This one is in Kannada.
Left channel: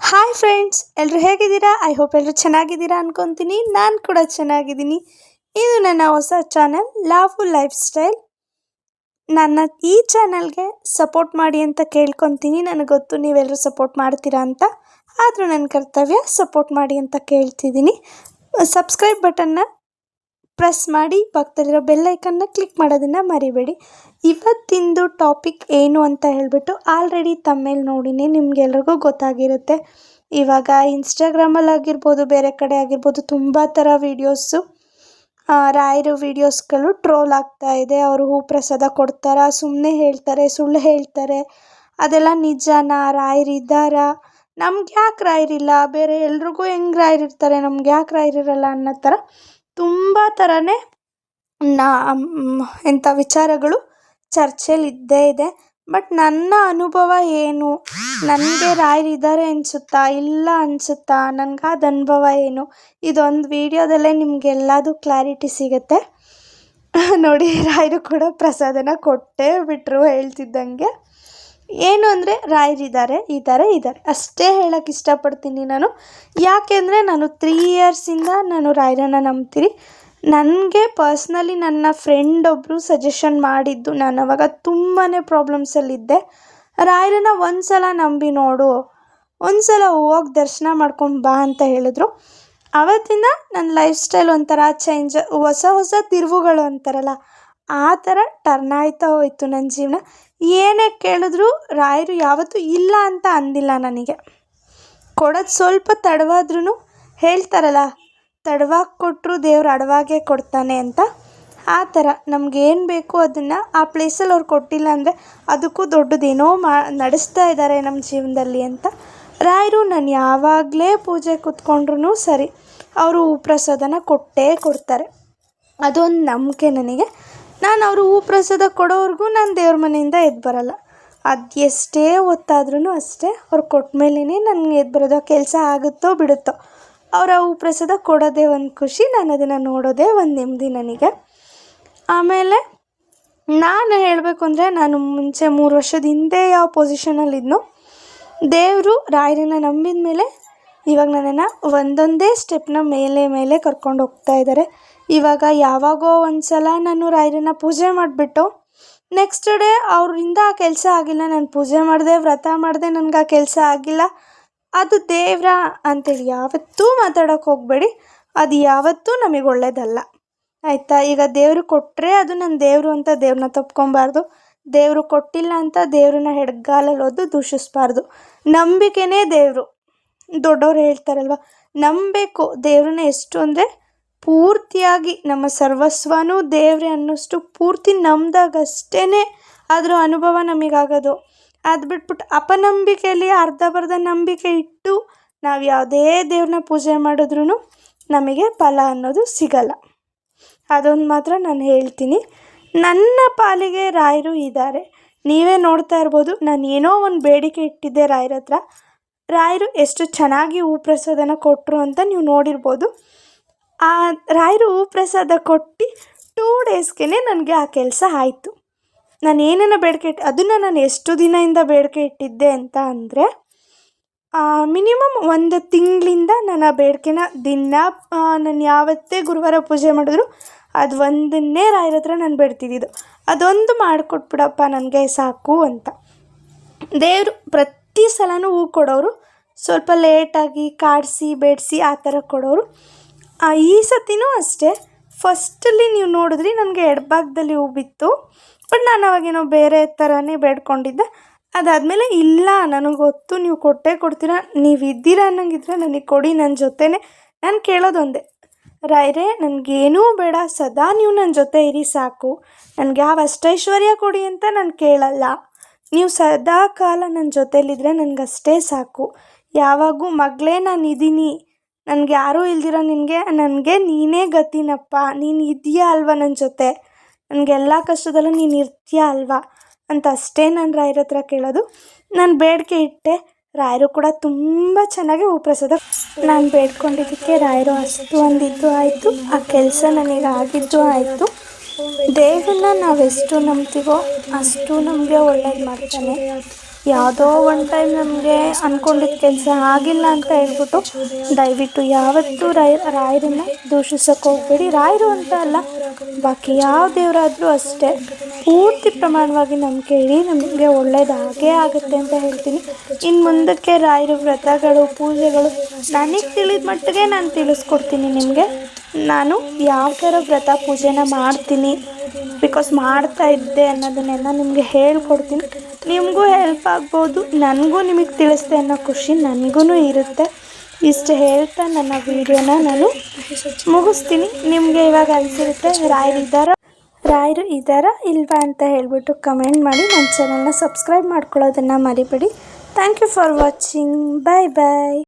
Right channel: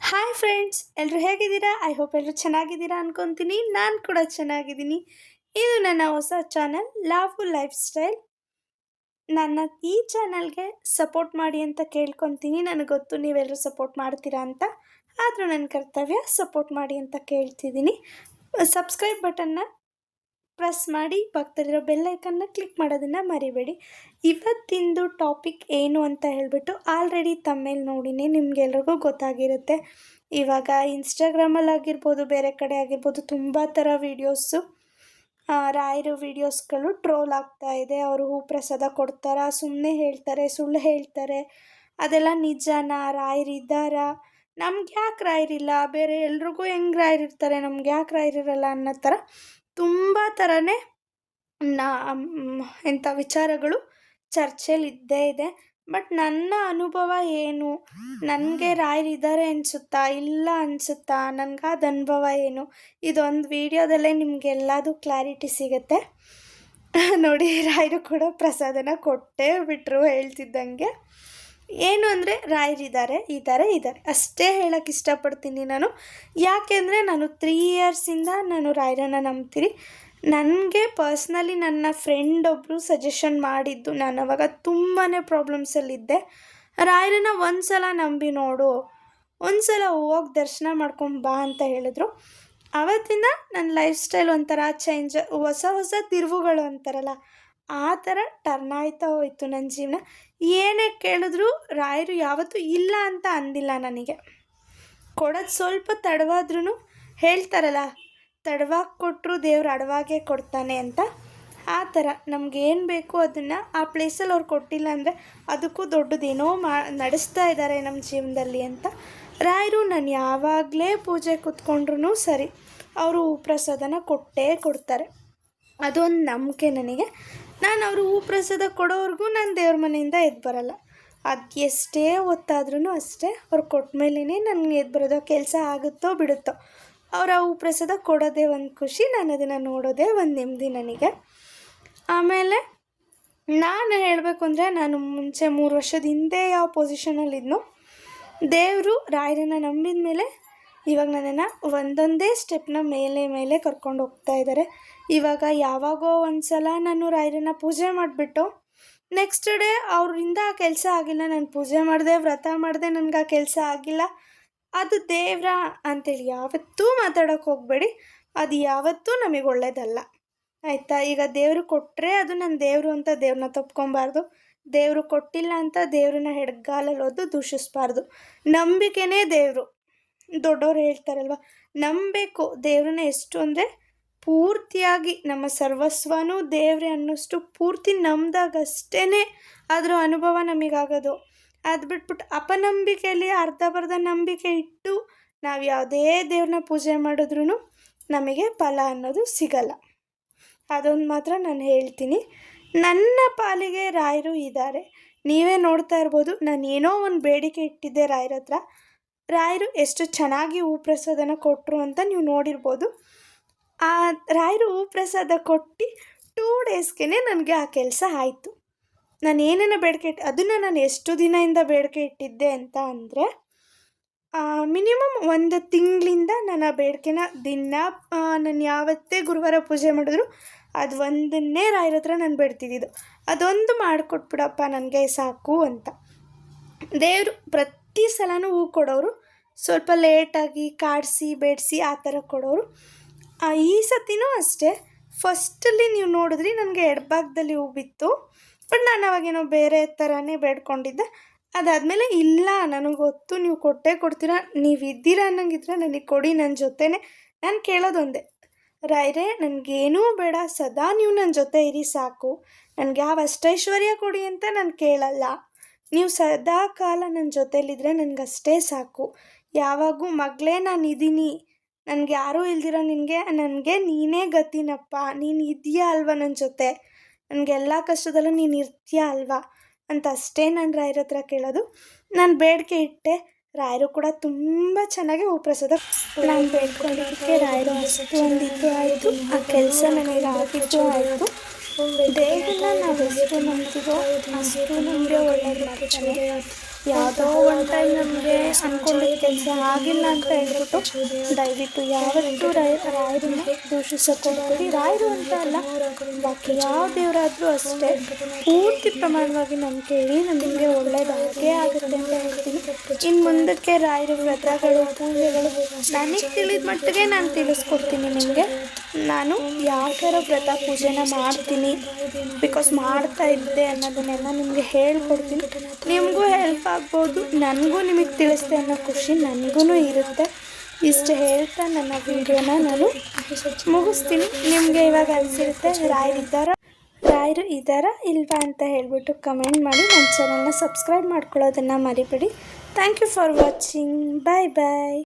ಹಾಯ್ ಫ್ರೆಂಡ್ಸ್, ಎಲ್ಲರೂ ಹೇಗಿದ್ದೀರಾ? ಐ ಹೋಪ್ ಎಲ್ಲರೂ ಚೆನ್ನಾಗಿದ್ದೀರಾ ಅನ್ಕೊತೀನಿ. ನಾನು ಕೂಡ ಚೆನ್ನಾಗಿದ್ದೀನಿ. ಇದು ನನ್ನ ಹೊಸ ಚಾನಲ್ ಲಾವು ಲೈಫ್ ಸ್ಟೈಲ್. ನನ್ನ ಈ ಚಾನಲ್ಗೆ ಸಪೋರ್ಟ್ ಮಾಡಿ ಅಂತ ಕೇಳ್ಕೊತೀನಿ. ನನಗೆ ಗೊತ್ತು ನೀವೆಲ್ಲರೂ ಸಪೋರ್ಟ್ ಮಾಡ್ತೀರಾ ಅಂತ. ಆದರೂ ನನ್ನ ಕರ್ತವ್ಯ ಸಪೋರ್ಟ್ ಮಾಡಿ ಅಂತ ಕೇಳ್ತಿದ್ದೀನಿ. ಸಬ್ಸ್ಕ್ರೈಬ್ ಬಟನ್ನ ಪ್ರೆಸ್ ಮಾಡಿ ಪಕ್ಕದಲ್ಲಿರೋ ಬೆಲ್ ಐಕನ್ನ ಕ್ಲಿಕ್ ಮಾಡೋದನ್ನು ಮರಿಬೇಡಿ. ಇವತ್ತಿಂದು ಟಾಪಿಕ್ ಏನು ಅಂತ ಹೇಳಿಬಿಟ್ಟು ಆಲ್ರೆಡಿ ತಮ್ಮೇಲೆ ನೋಡಿನಿ, ನಿಮಗೆಲ್ರಿಗೂ ಗೊತ್ತಾಗಿರುತ್ತೆ. ಇವಾಗ ಇನ್ಸ್ಟಾಗ್ರಾಮಲ್ಲಿ ಆಗಿರ್ಬೋದು, ಬೇರೆ ಕಡೆ ಆಗಿರ್ಬೋದು, ತುಂಬ ಥರ ವೀಡಿಯೋಸು ರಾಯರು ವೀಡಿಯೋಸ್ಗಳು ಟ್ರೋಲ್ ಆಗ್ತಾ ಇದೆ. ಅವರು ಹೂ ಪ್ರಸಾದ ಕೊಡ್ತಾರಾ, ಸುಮ್ಮನೆ ಹೇಳ್ತಾರೆ, ಸುಳ್ಳು ಹೇಳ್ತಾರೆ, ಅದೆಲ್ಲ ನಿಜನಾ, ರಾಯರಿದ್ದಾರಾ, ನಮ್ಗೆ ಯಾಕೆ ರಾಯರಿಲ್ಲ, ಬೇರೆ ಎಲ್ರಿಗೂ ಹೆಂಗೆ ರಾಯರಿರ್ತಾರೆ, ನಮ್ಗೆ ಯಾಕೆ ರಾಯರಿರಲ್ಲ ಅನ್ನೋ ಥರ ತುಂಬ ಥರನೇ ಎಂಥ ವಿಚಾರಗಳು ಚರ್ಚೆಯಲ್ಲಿ ಇದ್ದೇ ಇದೆ. ಬಟ್ ನನ್ನ ಅನುಭವ ಏನು, ನನಗೆ ರಾಯರಿದ್ದಾರೆ ಅನಿಸುತ್ತಾ, ಇಲ್ಲ ಅನಿಸುತ್ತಾ, ನನಗಾದ ಅನುಭವ ಏನು, ಇದೊಂದು ವಿಡಿಯೋದಲ್ಲೇ ನಿಮಗೆಲ್ಲದೂ ಕ್ಲಾರಿಟಿ ಸಿಗುತ್ತೆ. ನೋಡಿ, ರಾಯರು ಕೂಡ ಪ್ರಸಾದನ ಕೊಟ್ಟೇ ಬಿಟ್ಟರು ಹೇಳ್ತಿದ್ದಂಗೆ. ಏನು ಅಂದರೆ ರಾಯರಿದ್ದಾರೆ, ಇದ್ದಾರೆ ಅಷ್ಟೇ ಹೇಳೋಕ್ಕೆ ಇಷ್ಟಪಡ್ತೀನಿ ನಾನು. ಯಾಕೆಂದರೆ ನಾನು 3 ಇಯರ್ಸಿಂದ ನಾನು ರಾಯರನ್ನು ನಂಬ್ತೀನಿ. ನನಗೆ ಪರ್ಸ್ನಲಿ ನನ್ನ ಫ್ರೆಂಡ್ ಒಬ್ಬರು ಸಜೆಷನ್ ಮಾಡಿದ್ದು, ನಾನು ಅವಾಗ ತುಂಬಾ ಪ್ರಾಬ್ಲಮ್ಸಲ್ಲಿದ್ದೆ. ರಾಯರನ್ನು ಒಂದು ಸಲ ನಂಬಿ ನೋಡು, ಒಂದು ಸಲ ಹೋಗಿ ದರ್ಶನ ಮಾಡ್ಕೊಂಡು ಬಾ ಅಂತ ಹೇಳಿದ್ರು. ಆವತ್ತಿಂದ ನನ್ನ ಲೈಫ್ ಸ್ಟೈಲ್ ಒಂಥರ ಚೇಂಜ್, ಹೊಸ ತಿರುವುಗಳು ಅಂತಾರಲ್ಲ ಆ ಥರ ಟರ್ನ್ ಆಯ್ತಾ ಹೋಯಿತು ನನ್ನ ಜೀವನ. ಏನೇ ಕೇಳಿದ್ರು ರಾಯರು ಯಾವತ್ತೂ ಇಲ್ಲ ಅಂತ ಅಂದಿಲ್ಲ ನನಗೆ. ಕೊಡೋದು ಸ್ವಲ್ಪ ತಡವಾದ್ರೂ ಹೇಳ್ತಾರಲ್ಲ, ತಡವಾಗಿ ಕೊಟ್ಟರು ದೇವ್ರು ಅಡವಾಗೇ ಕೊಡ್ತಾನೆ ಅಂತ. ಆ ಥರ ನಮಗೇನು ಬೇಕು ಅದನ್ನು ಆ ಪ್ಲೇಸಲ್ಲಿ ಅವ್ರು ಕೊಟ್ಟಿಲ್ಲ ಅಂದರೆ ಅದಕ್ಕೂ ದೊಡ್ಡದೇನೋ ನಡೆಸ್ತಾ ಇದ್ದಾರೆ ನಮ್ಮ ಜೀವನದಲ್ಲಿ ಅಂತ. ರಾಯರು ನಾನು ಯಾವಾಗಲೇ ಪೂಜೆ ಕೂತ್ಕೊಂಡ್ರೂ ಸರಿ, ಅವರು ಹೂ ಪ್ರಸಾದನ ಕೊಟ್ಟೇ ಕೊಡ್ತಾರೆ. ಅದೊಂದು ನಂಬಿಕೆ ನನಗೆ. ನಾನು ಅವರು ಹೂ ಪ್ರಸಾದ ಕೊಡೋವರೆಗೂ ನಾನು ದೇವ್ರ ಮನೆಯಿಂದ ಎದ್ದು ಬರಲ್ಲ. ಅದು ಎಷ್ಟೇ ಹೊತ್ತಾದ್ರೂ ಅಷ್ಟೇ, ಅವ್ರು ಕೊಟ್ಟ ಮೇಲೇ ನನಗೆ ಎದ್ದು ಬರೋದು. ಕೆಲಸ ಆಗುತ್ತೋ ಬಿಡುತ್ತೋ, ಅವರ ಹೂ ಪ್ರಸಾದ ಕೊಡೋದೇ ಒಂದು ಖುಷಿ, ನಾನು ಅದನ್ನು ನೋಡೋದೇ ಒಂದು ನೆಮ್ಮದಿ ನನಗೆ. ಆಮೇಲೆ ನಾನು ಹೇಳಬೇಕು ಅಂದರೆ, ನಾನು ಮುಂಚೆ 3 ವರ್ಷದ ಹಿಂದೆ ಯಾವ ಪೊಸಿಷನಲ್ಲಿದ್ನೋ, ದೇವರು ರಾಯರನ್ನ ನಂಬಿದ ಮೇಲೆ ಇವಾಗ ನನ್ನನ್ನು ಒಂದೊಂದೇ ಸ್ಟೆಪ್ನ ಮೇಲೆ ಕರ್ಕೊಂಡು ಹೋಗ್ತಾ ಇದ್ದಾರೆ. ಇವಾಗ ಯಾವಾಗೋ ಒಂದು ಸಲ ನಾನು ರಾಯರನ್ನ ಪೂಜೆ ಮಾಡಿಬಿಟ್ಟು ನೆಕ್ಸ್ಟ್ ಡೇ ಅವರಿಂದ ಆ ಕೆಲಸ ಆಗಿಲ್ಲ, ನಾನು ಪೂಜೆ ಮಾಡಿದೆ, ವ್ರತ ಮಾಡಿದೆ, ನನಗೆ ಆ ಕೆಲಸ ಆಗಿಲ್ಲ, ಅದು ದೇವ್ರ ಅಂತೇಳಿ ಯಾವತ್ತೂ ಮಾತಾಡೋಕ್ಕೆ ಹೋಗಬೇಡಿ. ಅದು ಯಾವತ್ತೂ ನಮಗೆ ಒಳ್ಳೆಯದಲ್ಲ, ಆಯಿತಾ? ಈಗ ದೇವರು ಕೊಟ್ಟರೆ ಅದು ನನ್ನ ದೇವರು ಅಂತ ದೇವ್ರನ್ನ ತಪ್ಕೊಬಾರ್ದು. ದೇವರು ಕೊಟ್ಟಿಲ್ಲ ಅಂತ ದೇವ್ರನ್ನ ಹೆಡ್ಗಾಲಲ್ಲಿ ಒದ್ದು ದೂಷಿಸಬಾರ್ದು. ನಂಬಿಕೆನೇ ದೇವರು. ದೊಡ್ಡವ್ರು ಹೇಳ್ತಾರಲ್ವ, ನಂಬಬೇಕು ದೇವ್ರನ್ನ. ಎಷ್ಟು ಅಂದರೆ ಪೂರ್ತಿಯಾಗಿ ನಮ್ಮ ಸರ್ವಸ್ವನೂ ದೇವ್ರೆ ಅನ್ನೋಷ್ಟು ಪೂರ್ತಿ ನಂಬಿದಾಗಷ್ಟೇ ಅದರ ಅನುಭವ ನಮಗಾಗೋದು. ಅದು ಬಿಟ್ಬಿಟ್ಟು ಅಪನಂಬಿಕೆಯಲ್ಲಿ ಅರ್ಧಬರ್ಧ ನಂಬಿಕೆ ಇಟ್ಟು ನಾವು ಯಾವುದೇ ದೇವ್ರನ್ನ ಪೂಜೆ ಮಾಡಿದ್ರೂ ನಮಗೆ ಫಲ ಅನ್ನೋದು ಸಿಗಲ್ಲ. ಅದೊಂದು ಮಾತ್ರ ನಾನು ಹೇಳ್ತೀನಿ. ನನ್ನ ಪಾಲಿಗೆ ರಾಯರು ಇದ್ದಾರೆ. ನೀವೇ ನೋಡ್ತಾ ಇರ್ಬೋದು, ನಾನು ಏನೋ ಒಂದು ಬೇಡಿಕೆ ಇಟ್ಟಿದ್ದೆ ರಾಯರ ಹತ್ರ. ರಾಯರು ಎಷ್ಟು ಚೆನ್ನಾಗಿ ಹೂ ಪ್ರಸಾದನ ಕೊಟ್ಟರು ಅಂತ ನೀವು ನೋಡಿರ್ಬೋದು. ಆ ರಾಯರು ಹೂ ಪ್ರಸಾದ ಕೊಟ್ಟು 2 ಡೇಸ್ಗೆ ನನಗೆ ಆ ಕೆಲಸ ಆಯಿತು. ನಾನು ಏನೇನೋ ಬೇಡಿಕೆ ಅದನ್ನು ನಾನು ಎಷ್ಟು ದಿನದಿಂದ ಬೇಡಿಕೆ ಇಟ್ಟಿದ್ದೆ ಅಂತ ಅಂದರೆ, ಮಿನಿಮಮ್ 1 ತಿಂಗಳಿಂದ ನಾನು ಆ ಬೇಡಿಕೆನ ದಿನ ನಾನು ಯಾವತ್ತೇ ಗುರುವಾರ ಪೂಜೆ ಮಾಡಿದ್ರು ಅದು ಒಂದನ್ನೇ ರಾಯರ ಹತ್ರ ನಾನು ಬೇಡ್ತಿದ್ದಿದ್ದು, ಅದೊಂದು ಮಾಡಿಕೊಟ್ಬಿಡಪ್ಪ ನನಗೆ ಸಾಕು ಅಂತ. ದೇವರು ಪ್ರತಿ ಸಲನೂ ಹೂ ಕೊಡೋರು, ಸ್ವಲ್ಪ ಲೇಟಾಗಿ ಕಾಡಿಸಿ ಬೇಡಿಸಿ ಆ ಥರ ಕೊಡೋರು. ಈ ಸತಿನೂ ಅಷ್ಟೇ. ಫಸ್ಟಲ್ಲಿ ನೀವು ನೋಡಿದ್ರಿ ನನಗೆ ಎಡಭಾಗದಲ್ಲಿ ಹೂ ಬಿತ್ತು, ಬಟ್ ನಾನು ಅವಾಗೇನೋ ಬೇರೆ ಥರನೇ ಬೇಡ್ಕೊಂಡಿದ್ದೆ. ಅದಾದಮೇಲೆ ಇಲ್ಲ, ನನಗೆ ಗೊತ್ತು ನೀವು ಕೊಟ್ಟೇ ಕೊಡ್ತೀರಾ, ನೀವು ಇದ್ದೀರಾ ಅನ್ನಂಗಿದ್ರೆ ನನಗೆ ಕೊಡಿ, ನನ್ನ ಜೊತೆನೇ. ನಾನು ಕೇಳೋದೊಂದೇ, ರಾಯರೇ ನನಗೇನೂ ಬೇಡ, ಸದಾ ನೀವು ನನ್ನ ಜೊತೆ ಇರಿ ಸಾಕು, ನನಗೆ ಯಾವ ಅಷ್ಟೈಶ್ವರ್ಯ ಕೊಡಿ ಅಂತ ನಾನು ಕೇಳಲ್ಲ, ನೀವು ಸದಾ ಕಾಲ ನನ್ನ ಜೊತೆಲಿದ್ದರೆ ನನಗಷ್ಟೇ ಸಾಕು. ಯಾವಾಗೂ ಮಗಳೇ ನಾನು ಇದ್ದೀನಿ, ನನಗೆ ಯಾರೂ ಇಲ್ದಿರ ನನಗೆ ನೀನೇ ಗತಿನಪ್ಪ, ನೀನು ಇದೆಯಾ ಅಲ್ವಾ ನನ್ನ ಜೊತೆ, ನನಗೆಲ್ಲ ಕಷ್ಟದಲ್ಲೂ ನೀನು ಇರ್ತೀಯ ಅಲ್ವಾ ಅಂತ ಅಷ್ಟೇ ನಾನು ರಾಯರ ಹತ್ರ ಕೇಳೋದು. ನಾನು ಬೇಡಿಕೆ ಇಟ್ಟೆ, ರಾಯರು ಕೂಡ ತುಂಬ ಚೆನ್ನಾಗಿ ಹೂ ಪ್ರಸಾದ. ನಾನು ಬೇಡ್ಕೊಂಡಿದ್ದಕ್ಕೆ ರಾಯರು ಅಷ್ಟು ಅಂದಿದ್ದು ಆಯಿತು, ಆ ಕೆಲಸ ನನಗೆ ಆಗಿದ್ದು ಆಯಿತು. ದೇವರನ್ನ ನಾವೆಷ್ಟು ನಂಬ್ತೀವೋ ಅಷ್ಟು ನಮಗೆ ಒಳ್ಳೇದು ಮಾಡ್ತಾನೆ. ಯಾವುದೋ ಒನ್ ಟೈಮ್ ನಮಗೆ ಅಂದ್ಕೊಂಡಿದ್ದ ಕೆಲಸ ಆಗಿಲ್ಲ ಅಂತ ಹೇಳ್ಬಿಟ್ಟು ದಯವಿಟ್ಟು ಯಾವತ್ತೂ ರಾಯರನ್ನ ದೂಷಿಸೋಕೆ ಹೋಗಬೇಡಿ. ರಾಯರು ಅಂತ ಅಲ್ಲ, ಬಾಕಿ ಯಾವ ದೇವರಾದರೂ ಅಷ್ಟೇ, ಪೂರ್ತಿ ಪ್ರಮಾಣವಾಗಿ ನಂಬಿಕೆ ಇಡಿ, ನಮಗೆ ಒಳ್ಳೇದಾಗೇ ಆಗುತ್ತೆ ಅಂತ ಹೇಳ್ತೀನಿ. ಇನ್ನು ಮುಂದಕ್ಕೆ ರಾಯರ ವ್ರತಗಳು, ಪೂಜೆಗಳು ನನಗೆ ತಿಳಿದ ಮಟ್ಟಿಗೆ ನಾನು ತಿಳಿಸ್ಕೊಡ್ತೀನಿ ನಿಮಗೆ. ನಾನು ಯಾವ ಥರ ವ್ರತ ಪೂಜೆನ ಮಾಡ್ತೀನಿ, ಬಿಕಾಸ್ ಮಾಡ್ತಾ ಇದ್ದೆ ಅನ್ನೋದನ್ನೆಲ್ಲ ನಿಮಗೆ ಹೇಳ್ಕೊಡ್ತೀನಿ. ನಿಮಗೂ ಹೆಲ್ಪ್ ಆಗ್ಬೋದು, ನನಗೂ ನಿಮಗೆ ತಿಳಿಸ್ದೆ ಅನ್ನೋ ಖುಷಿ ನನಗೂ ಇರುತ್ತೆ. ಇಷ್ಟು ಹೇಳ್ತಾ ನನ್ನ ವೀಡಿಯೋನ ನಾನು ಮುಗಿಸ್ತೀನಿ. ನಿಮಗೆ ಇವಾಗ ಅನಿಸಿರುತ್ತೆ ರಾಯರು ಇದ್ದಾರಾ ಇಲ್ವಾ ಅಂತ ಹೇಳ್ಬಿಟ್ಟು ಕಮೆಂಟ್ ಮಾಡಿ. ನನ್ನ ಚಾನಲ್ನ ಸಬ್ಸ್ಕ್ರೈಬ್ ಮಾಡ್ಕೊಳ್ಳೋದನ್ನು ಮರಿಬೇಡಿ. Thank you for watching. Bye bye.